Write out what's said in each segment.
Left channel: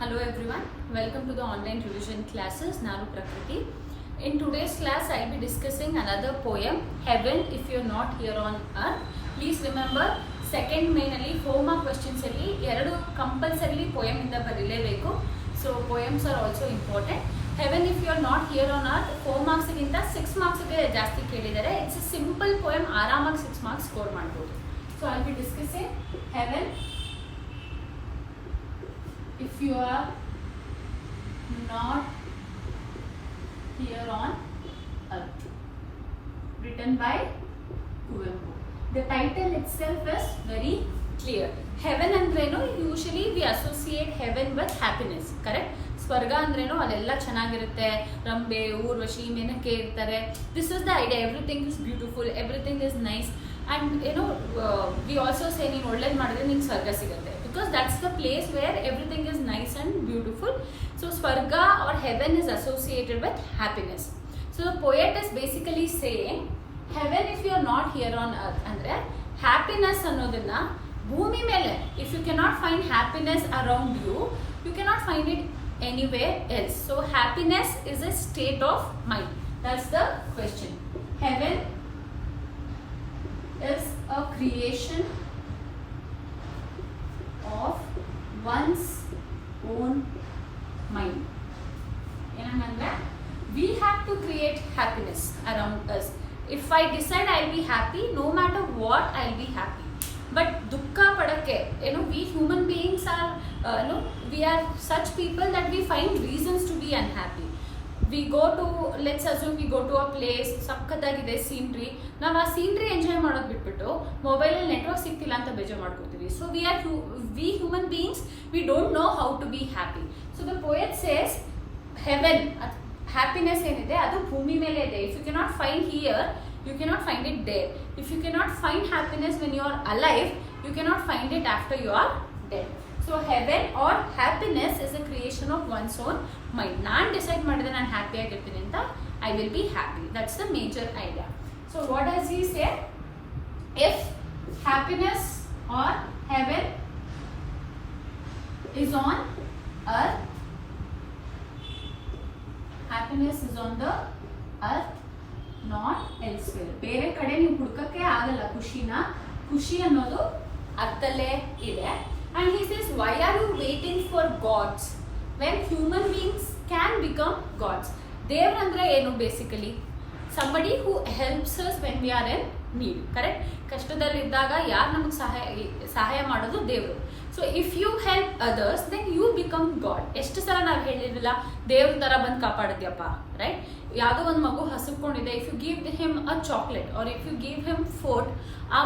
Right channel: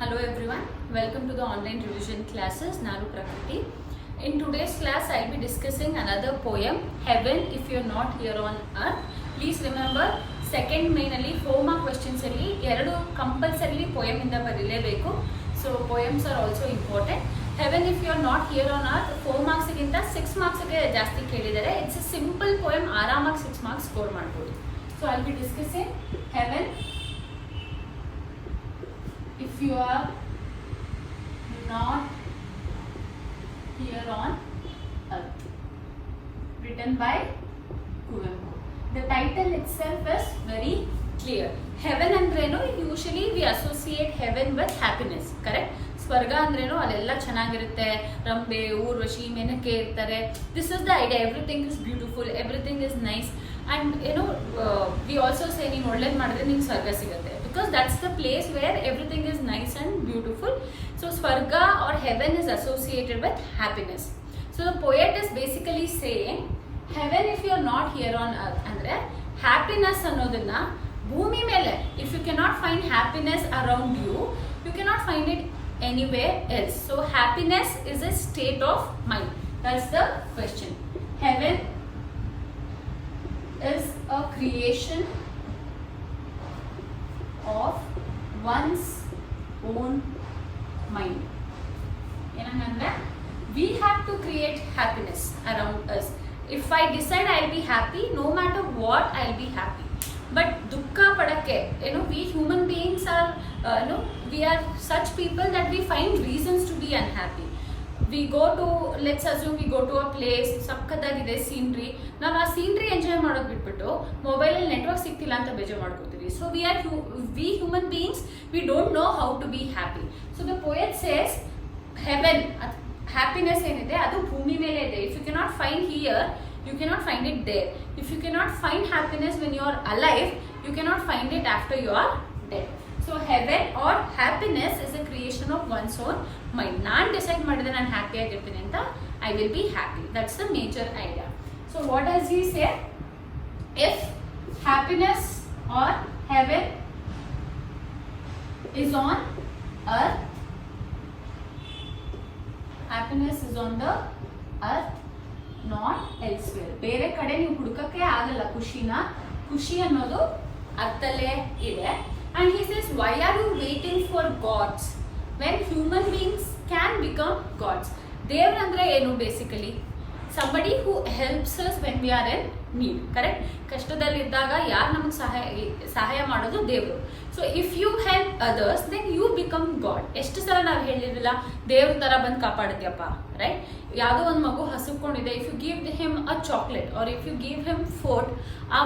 Hello everyone, welcome to the online revision classes. Nanu Prakriti. In today's class, I'll be discussing another poem, Heaven If You're Not Here on Earth. Please remember, second mainly homework questions alli eradu compulsorily poem inda barilebeku. So poems are also important. Heaven If You're Not Here on Earth 4 marks ginta 6 marks ge ಜಾಸ್ತಿ ಕೇಳಿದ್ದಾರೆ. It's a simple poem, ಆರಾಮಾಗಿ 6 marks score ಮಾಡಬಹುದು. So I'll be discussing Heaven if you are not here on earth, written by Kuvempu. The title itself is very clear. Heaven andrenu, usually we associate heaven with happiness, correct? ಸ್ವರ್ಗ ಅಂದ್ರೇನು ಅಲ್ಲೆಲ್ಲ ಚೆನ್ನಾಗಿರುತ್ತೆ, ರಂಬೆ ಊರ್ವಶಿ ಮೆನಕೆ ಇರ್ತಾರೆ. This is the idea, everything is beautiful, everything is nice, and we also say ನೀನು ಒಳ್ಳೇದು ಮಾಡಿದ್ರೆ ನಿಂಗೆ ಸ್ವರ್ಗ ಸಿಗುತ್ತೆ, because that's the place where everything is nice and beautiful. So swarga or heaven is associated with happiness. So the poet is basically saying heaven if you are not here on earth ಅಂದ್ರೆ happiness ಅನ್ನೋದನ್ನ ಭೂಮಿ ಮೇಲೆ, if you cannot find happiness around you, you cannot find it anywhere else. So happiness is a state of mind. That's the question. Heaven is a creation of one's own mind. Enangandre we have to create happiness around us. If I decide I'll be happy, no matter what I'll be happy. But dukkha padake, we human beings are, we are such people that we find reasons to be unhappy. We go to, let's assume we go to a place, sakkatagide scenery, ನಾವು ಆ scenery enjoy ಮಾಡೋದು ಬಿಟ್ಬಿಟ್ಟು ಮೊಬೈಲಲ್ಲಿ ನೆಟ್ವರ್ಕ್ ಸಿಗ್ತಿಲ್ಲ ಅಂತ ಬೇಜಾರು ಮಾಡ್ಕೋತೀವಿ. So we human beings, we don't know how to be happy. So the poet says heaven, happiness ಏನಿದೆ ಅದು ಭೂಮಿ ಮೇಲೆ ಇದೆ. If you cannot find here, you cannot find it there. If you cannot find happiness when you are alive, you cannot find it after you are dead. So heaven or happiness is a creation of one's own mind. ನಾನು ಡಿಸೈಡ್ ಮಾಡಿದ್ರೆ ನಾನು ಹ್ಯಾಪಿ ಆಗಿರ್ತೀನಿ ಅಂತ, I will be happy. That's the major idea. So what does he say? If happiness or heaven is on earth, happiness is on the earth, not elsewhere. ಬೇರೆ ಕಡೆ ನೀವು ಹುಡುಕಕ್ಕೆ ಆಗಲ್ಲ ಖುಷಿ ಅನ್ನೋದು ಅರ್ಥಲ್ಲೇ ಇದೆ. And he says, why are you waiting for gods when human beings can become gods? ದೇವ್ರಂದ್ರೆ ಏನು basically? somebody who helps us when we are in need, correct? ಕಷ್ಟದಲ್ಲಿ ಇದ್ದಾಗ ಯಾರು ನಮಗೆ ಸಹಾಯ ಮಾಡೋದು ದೇವರು. So if you help others then you become God. ಎಷ್ಟು ಸಲ ನಾವು ಹೇಳಿರಲಿಲ್ಲ ದೇವ್ರ ತರ ಬಂದು ಕಾಪಾಡುತ್ತೀಯಪ್ಪ, ರೈಟ್? ಯಾವುದೋ ಒಂದು ಮಗು ಹಸುಕೊಂಡಿದೆ, if you give him a chocolate or if you give him food, ಆ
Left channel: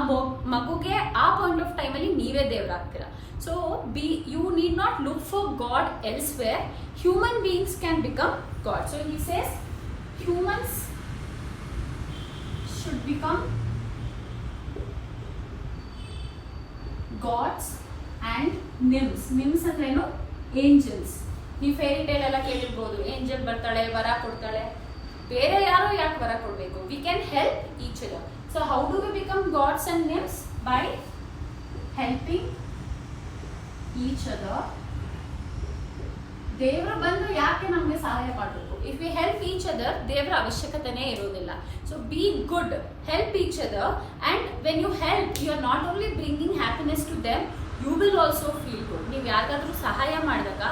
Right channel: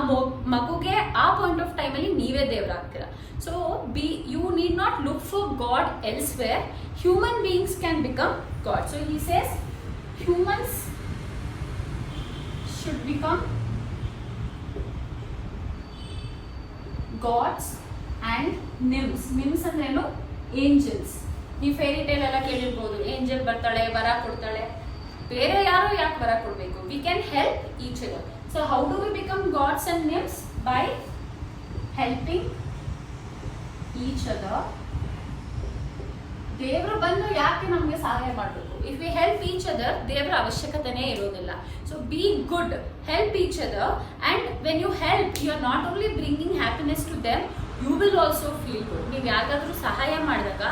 ಮಗುಗೆ ಆ ಪಾಯಿಂಟ್ ಆಫ್ ಟೈಮಲ್ಲಿ ನೀವೇ ದೇವರಾಗ್ತೀರಾ. So you need not look for god elsewhere. Human beings can become god. So he says humans should become gods and nymphs. Nymphs ಅಂದ್ರೇನು? angels. ನೀವು fairy tale ಎಲ್ಲ ಕೇಳಿರ್ಬೋದು, ಏಂಜಲ್ ಬರ್ತಾಳೆ ವರ ಕೊಡ್ತಾಳೆ. ಬೇರೆ ಯಾರೋ ಯಾಕೆ ವರ ಕೊಡಬೇಕು? we can help each other. So how do we become gods and nymphs? By helping each other. ದೇವರು ಬಂದು ಯಾಕೆ ನಮಗೆ ಸಹಾಯ ಮಾಡಬೇಕು? If we help each other, ದೇವರ ಅವಶ್ಯಕತೆನೇ ಇರೋದಿಲ್ಲ. So be good, help each other, and when you help, you are not only bringing happiness to them, you will also feel good. ನೀವು ಯಾರಿಗಾದ್ರೂ ಸಹಾಯ ಮಾಡಿದಾಗ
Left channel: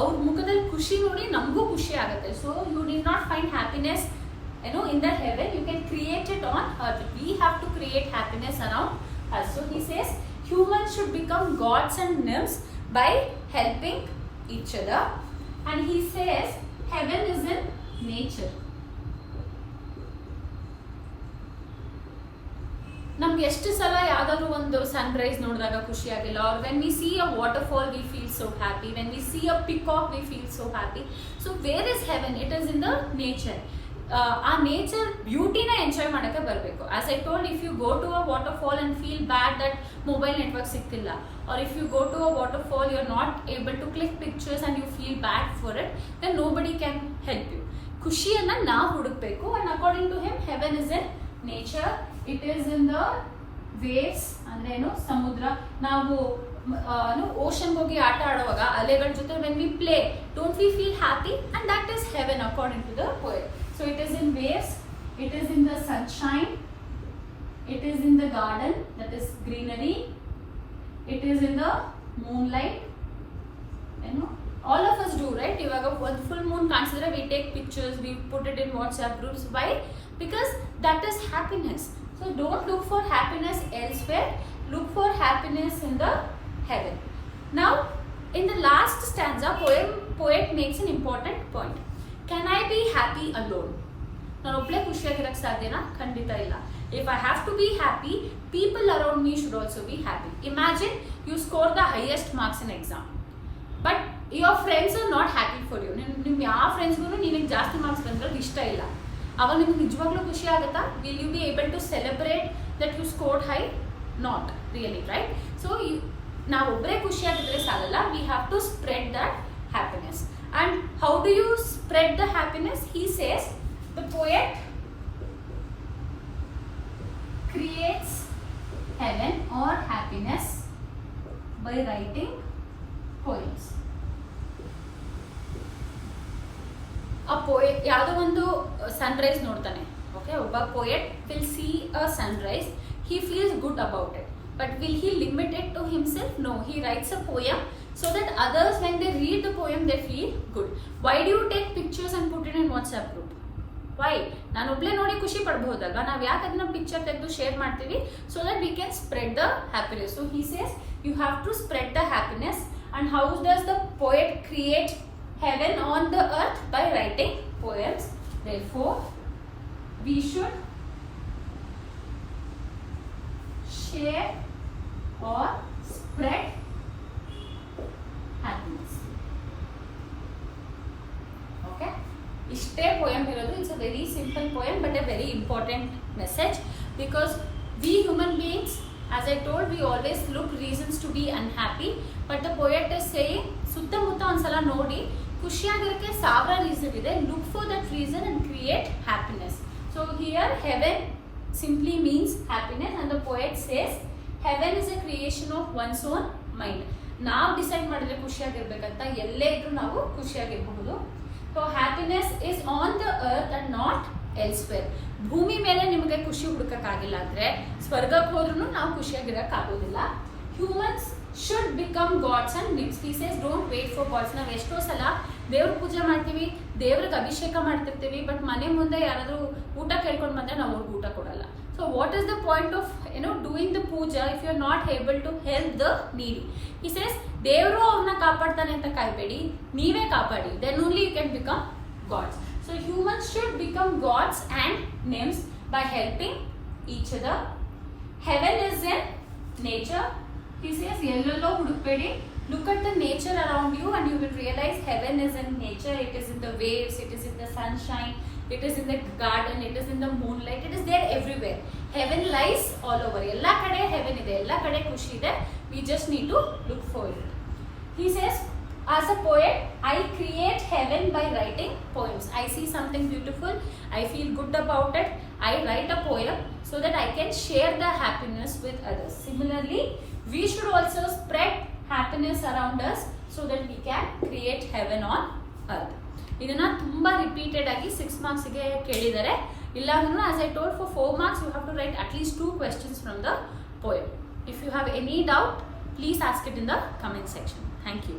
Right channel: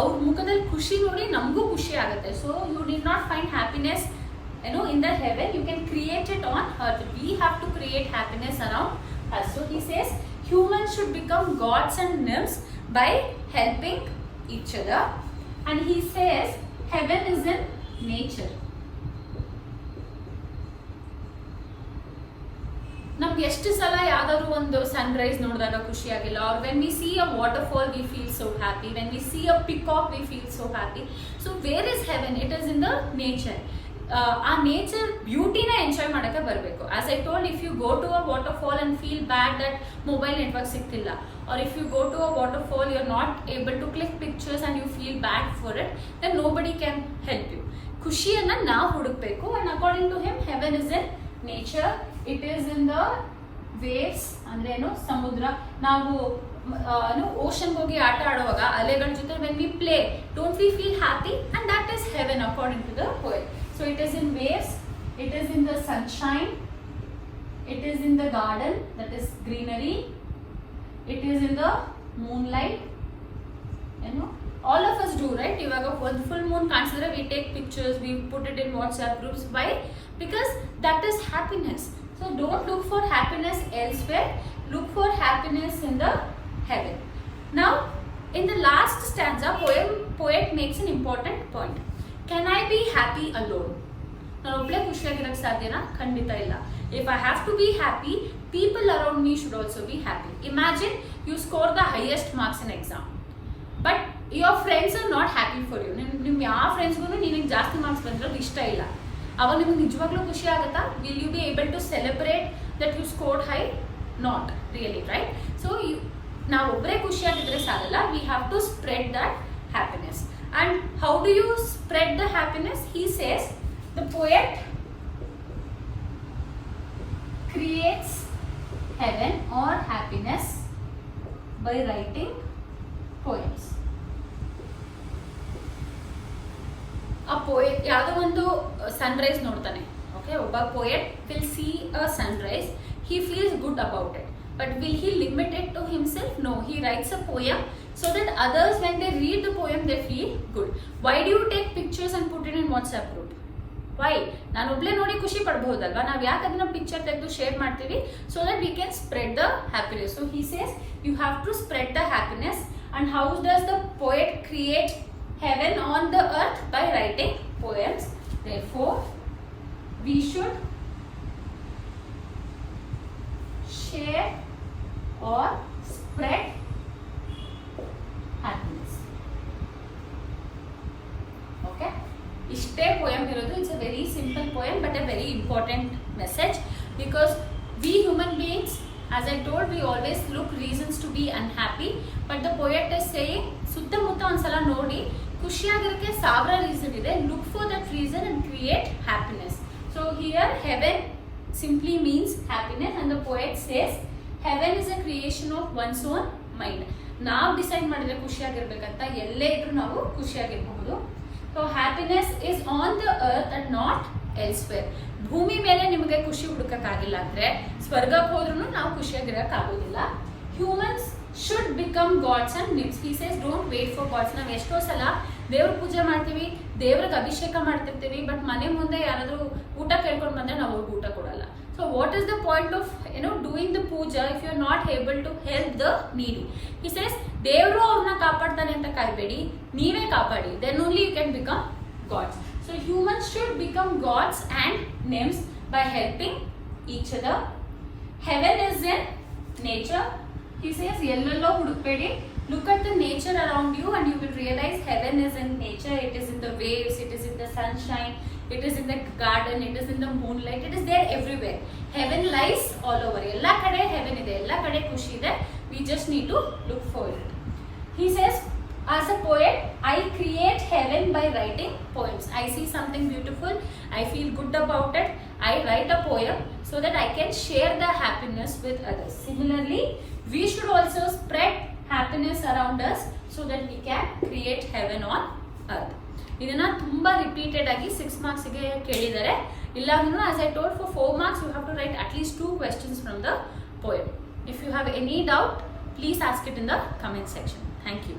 ಅವ್ರ ಮುಖದಲ್ಲಿ ಖುಷಿ ನೋಡಿ ನಮಗೂ ಖುಷಿ ಆಗುತ್ತೆ. So you need not find happiness in the heaven, you can create it on earth. We have to create happiness around us. So he says humans should become gods and nymphs by helping each other. And he says heaven is in nature. ನಮ್ಗೆ ಎಷ್ಟು ಸಲ ಯಾವ್ದಾದ್ರು ಒಂದು ಸನ್ರೈಸ್ ನೋಡಿದಾಗ ಖುಷಿ ಆಗಿಲ್ಲ, or when we see a waterfall we feel so happy, when we see a peacock we feel so happy. So where is heaven? It is in the nature. ಆ nature ಬ್ಯೂಟಿನ ಎಂಜಾಯ್ ಮಾಡೋಕ್ಕೆ ಬರಬೇಕು. As I told, if you go to a waterfall and feel bad that mobile network ಸಿಗ್ತಿಲ್ಲ, or if you go to a waterfall you are not able to click pictures and you feel bad for it, then nobody can help you. ಖುಷಿಯನ್ನ ನಾವು ಹುಡುಕ್ಬೇಕು. And according to him heaven is in nature. It is in the waves ಅಂದ್ರೇನು? ಸಮುದ್ರ. ನಾವು ಓಷನ್ಗೆ ಹೋಗಿ ಆಟ ಆಡುವಾಗ ಅಲೆಗಳ ಜೊತೆ when we play don't we feel happy and that is heaven according to the poet. So it is in waves, it is in the sunshine, it is in the garden, that is greenery, it is in the moonlight, all of us do, right? Ivaga one full moon kansidre we take pictures, we put it in WhatsApp groups. Why? Because that is happiness. So don't look for happiness elsewhere, look for happiness in the heaven. Now in the last stanza poet makes an important point. Can I be happy alone? ನಾನು ಒಬ್ಬಳೇ ಖುಷಿಯಾಗಿರಕ್ಕೆ ಸಾಧ್ಯನಾ? ಖಂಡಿತ ಇಲ್ಲ. If I have to be happy, people around me should also be happy. Imagine you score the highest marks in exam, but your friends are not happy for you. ನಿಮ್ಮ ಯಾವ ಫ್ರೆಂಡ್ಸ್ಗೂ ನಿನಗೆ ಜಾಸ್ತಿ ಮಾರ್ಕ್ಸ್ ಬಂದಿರೋದು ಇಷ್ಟ ಇಲ್ಲ. ಅವಾಗ ನಿಮ್ಗೆ ನಿಜವಾಗ್ಲೂ ಖುಷಿ ಆಗುತ್ತಾ? Will you be able to celebrate that you scored high? Not really, right? So ನಾವೊಬ್ಬರೇ ಖುಷಿಯಾಗಿದ್ರೆ ಸಾಲಲ್ಲ, we have to spread that happiness. And how do you spread the happiness? He says the poet creates heaven or happiness by writing poems. A poet ಯಾವುದೋ ಒಂದು ಸನ್ರೈಸ್ ನೋಡ್ತಾನೆ, ಓಕೆ? ಒಬ್ಬ poet will see a sunrise, he feels good about it, but will he limit it to himself? No, he writes a poem so that others, when they read the poem, they feel good. Why do you take pictures and put it in WhatsApp group? Why? ನಾನು ಒಬ್ಳೆ ನೋಡಿ ಖುಷಿ ಪಡಬಹುದಲ್ವಾ? ನಾವು ಯಾಕೆ ಅದನ್ನ ಪಿಕ್ಚರ್ ತೆಗೆದು share ಮಾಡ್ತೀವಿ? So that we can spread the happiness. So he says you have to spread the happiness. And how does the poet create heaven on the earth? By writing poems. Therefore we should share or spread happiness. Okay? ಇಷ್ಟೇ poem ಇರೋದು. It's a very simple poem but a very important message, because we human beings, as I told, we always look reasons to be unhappy, but the poet is saying ಸುತ್ತಮುತ್ತ ಒಂದ್ಸಲ ನೋಡಿ, ಖುಷಿಯಾಗಿರೋಕ್ಕೆ ಸಾವಿರ ರೀಸನ್ ಇದೆ. Look for that reason and create happiness. So here Heaven simply means happiness, and the poet says heaven is a creation of one's own mind. ನಾವು decide ಮಾಡಿದ್ರೆ ಖುಷಿಯಾಗಿರ್ಬೇಕಂತ, ಎಲ್ಲೇ ಇದ್ರೂ ನಾವು ಖುಷಿಯಾಗಿರಬಹುದು. So happiness is on the earth and not elsewhere. ಭೂಮಿ ಮೇಲೆ ನಿಮಗೆ ಖುಷಿ ಹುಡುಕಕ್ಕಾಗಿಲ್ಲ ಅಂದ್ರೆ ಸ್ವರ್ಗಕ್ಕೆ ಹೋದ್ರೂ ನಾವು ಖುಷಿಯಾಗಿರಕ್ ಆಗೋದಿಲ್ಲ. Humans should become gods and nymphs. He says don't wait for gods. ನಾವು ಎಷ್ಟೋ ಸಲ ದೇವ್ರ ಪೂಜೆ ಮಾಡ್ತೀವಿ, ದೇವ್ರಿಗೆ ಅಭಿಷೇಕ ಮಾಡ್ತಿರ್ತೀವಿ, ಬಟ್ ಮನೆ ಮುಂದೆ ಯಾರಾದ್ರೂ ಊಟ ಕೇಳ್ಕೊಂಡು ಬಂದ್ರೆ ನಾವು ಅವ್ರಿಗೆ ಊಟ ಕೊಡಲ್ಲ. So what is the point of doing the puja if you are not able to help the needy? He says ದೇವರು ಅವ್ರನ್ನ ಕಾಪಾಡ್ತಾನೆ ಅಂತ ಕಾಯ್ಬೇಡಿ, ನೀವೇ ಕಾಪಾಡಿ. Then only you can become gods. So humans should become gods and nymphs by helping each other. Heaven is in nature. He says yellow hudukbedi, look at the nature around you and you will realize heaven is in nature. It is in the waves, it is in the sunshine, it is in the garden, it is in the moonlight, it is there everywhere. Heaven lies all over. Ella kade heaven ide, ella kade khushi ide, we just need to look for it. He says, as a poet, I create heaven by writing poems. I see something beautiful, I feel good about it, I write a poem so that I can share the happiness with others. Similarly, we should also spread happiness around us so that we can create heaven on earth. ಇದನ್ನ ತುಂಬಾ ರಿಪೀಟೆಡ್ ಆಗಿ 6 marks ಗೆ ಕೇಳಿದ್ದಾರೆ. ಇಲ್ಲ ಅಂದ್ರೂ as I told, for 4 marks you have to write at least 2 questions from the poem. If you have any doubt, please ask it in the comment section. Thank you.